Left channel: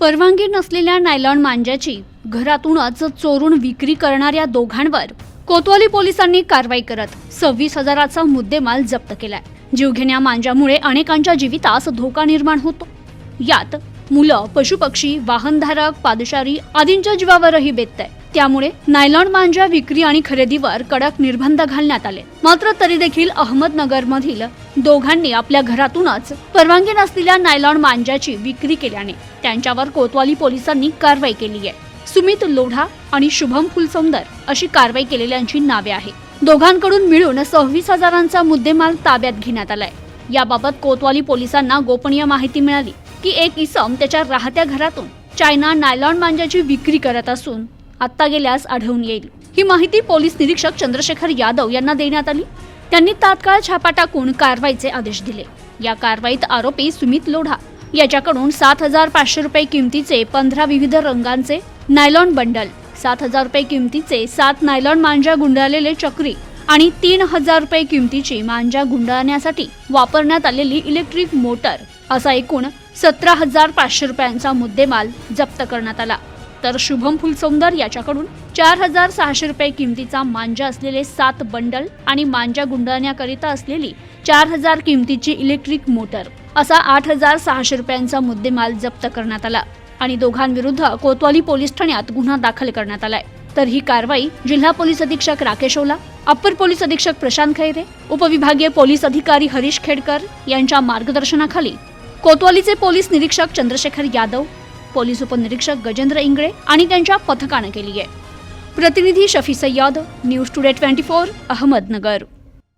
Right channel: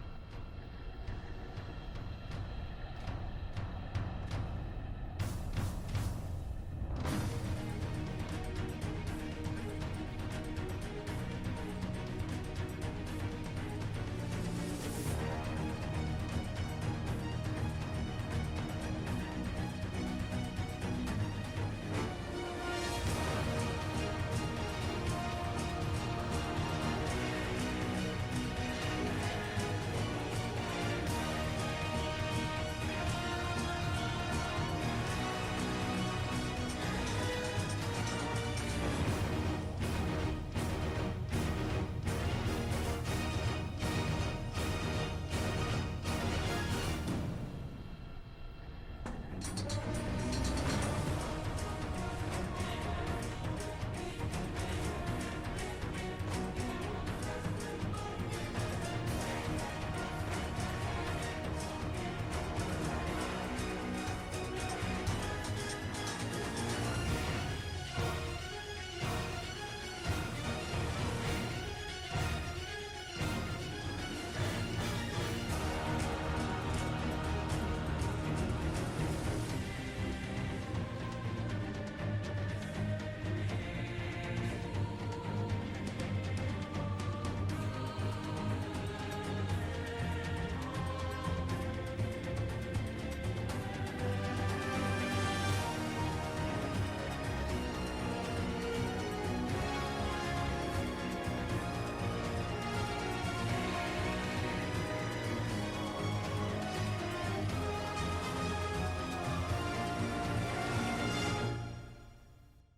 परवानगी नसलेल्या नायलॉन मांज्याची घरातूनच चोरून विक्री करणाऱ्या दोघांवर कोतवाली पोलिसांनी कारवाई करत सव्वीस हजाराचा मुद्देमाल जप्त केलाय. जीवघेण्या मांज्यामुळे अनेकांच्या जीवितास धोका निर्माण होतो. यात मुलं पशुपक्षी वाहनधारक पादचारी आदींच्या जीवावरही बेतत त्यामुळे नायलॉन मांजा विक्री आणि खरेदीवर कडक निर्बंध घालण्यात आले. मात्र तरी देखील अहमदनगरमधील दोघांनी आपल्या घरातूनच परवानगी नसलेल्या नायलॉन मांजाची विक्री केल्याने त्यांच्यावर कोतवाली पोलिसांनी कारवाई केली आहे. सुमित लोढा आणि शुभम फुलसौंदर अशी कारवाई केलेल्यांची नावे आहेत. दोघांकडून मिळून सव्वीस हजारांचा मुद्देमाल ताब्यात घेण्यात आलाय. याबाबत कोतवाली पोलिसांना गोपनीय माहिती मिळाली की एक इसम त्याच्या राहत्या घरातून चायना नायलॉन मांजाची विक्री करत असून आत्ता गेल्यास आढळून येईल. ही माहिती पोलीस निरीक्षक चंद्रशेखर यादव यांना देण्यात आली. त्यांनी तात्काळ छापा टाकून कारवाईचे आदेश दिले. या कारवाईत आरोपी सुमित लोढा याच्याकडून सात हजार पाचशे रुपये किमतीचे पंधरा विविध रंगांचे नायलॉन बंडल सात हजार रुपये किमतीचे सात नायलॉन मांजा गुंडाळलेले चक्री आणि तीन हजार रुपये किमतीची मांजा गुंडाळण्यासाठी वापरण्यात आलेली इलेक्ट्रिक मोटर असा एकूण सतरा हजार पाचशे रुपयांचा मुद्देमाल जप्त करण्यात आला. तर शुभम फुलसौंदर याच्याकडून चार हजार सहाशे रुपये किमतीचा मांजा असलेले सात बंडल आणि मांजा गुंडाळण्याकरिता असलेली चार हजार किमतीची इलेक्ट्रिक मोटर असा आठ हजार सहाशे रुपयांचा मुद्देमाल जप्त करण्यात आला आणि दोघांविरुद्ध कोतवाली पोलीस ठाण्यात गुन्हा दाखल करण्यात आलाय. तर ही कारवाई जिल्हा पोलीस अधीक्षक राकेश ओला अप्पर पोलीस अधीक्षक प्रशांत खैरे उपविभागीय पोलीस अधिकारी हरीश खेडकर यांच्या मार्गदर्शनाखाली कोतवालीचे पोलीस निरीक्षक चंद्रशेखर यादव पोलीस उपनिरीक्षक गजेंद्र इंगळे आणि त्यांच्या पथकानं केली आहे. प्रतिनिधी Shafi Sayyed News Today twenty four Ahmednagar.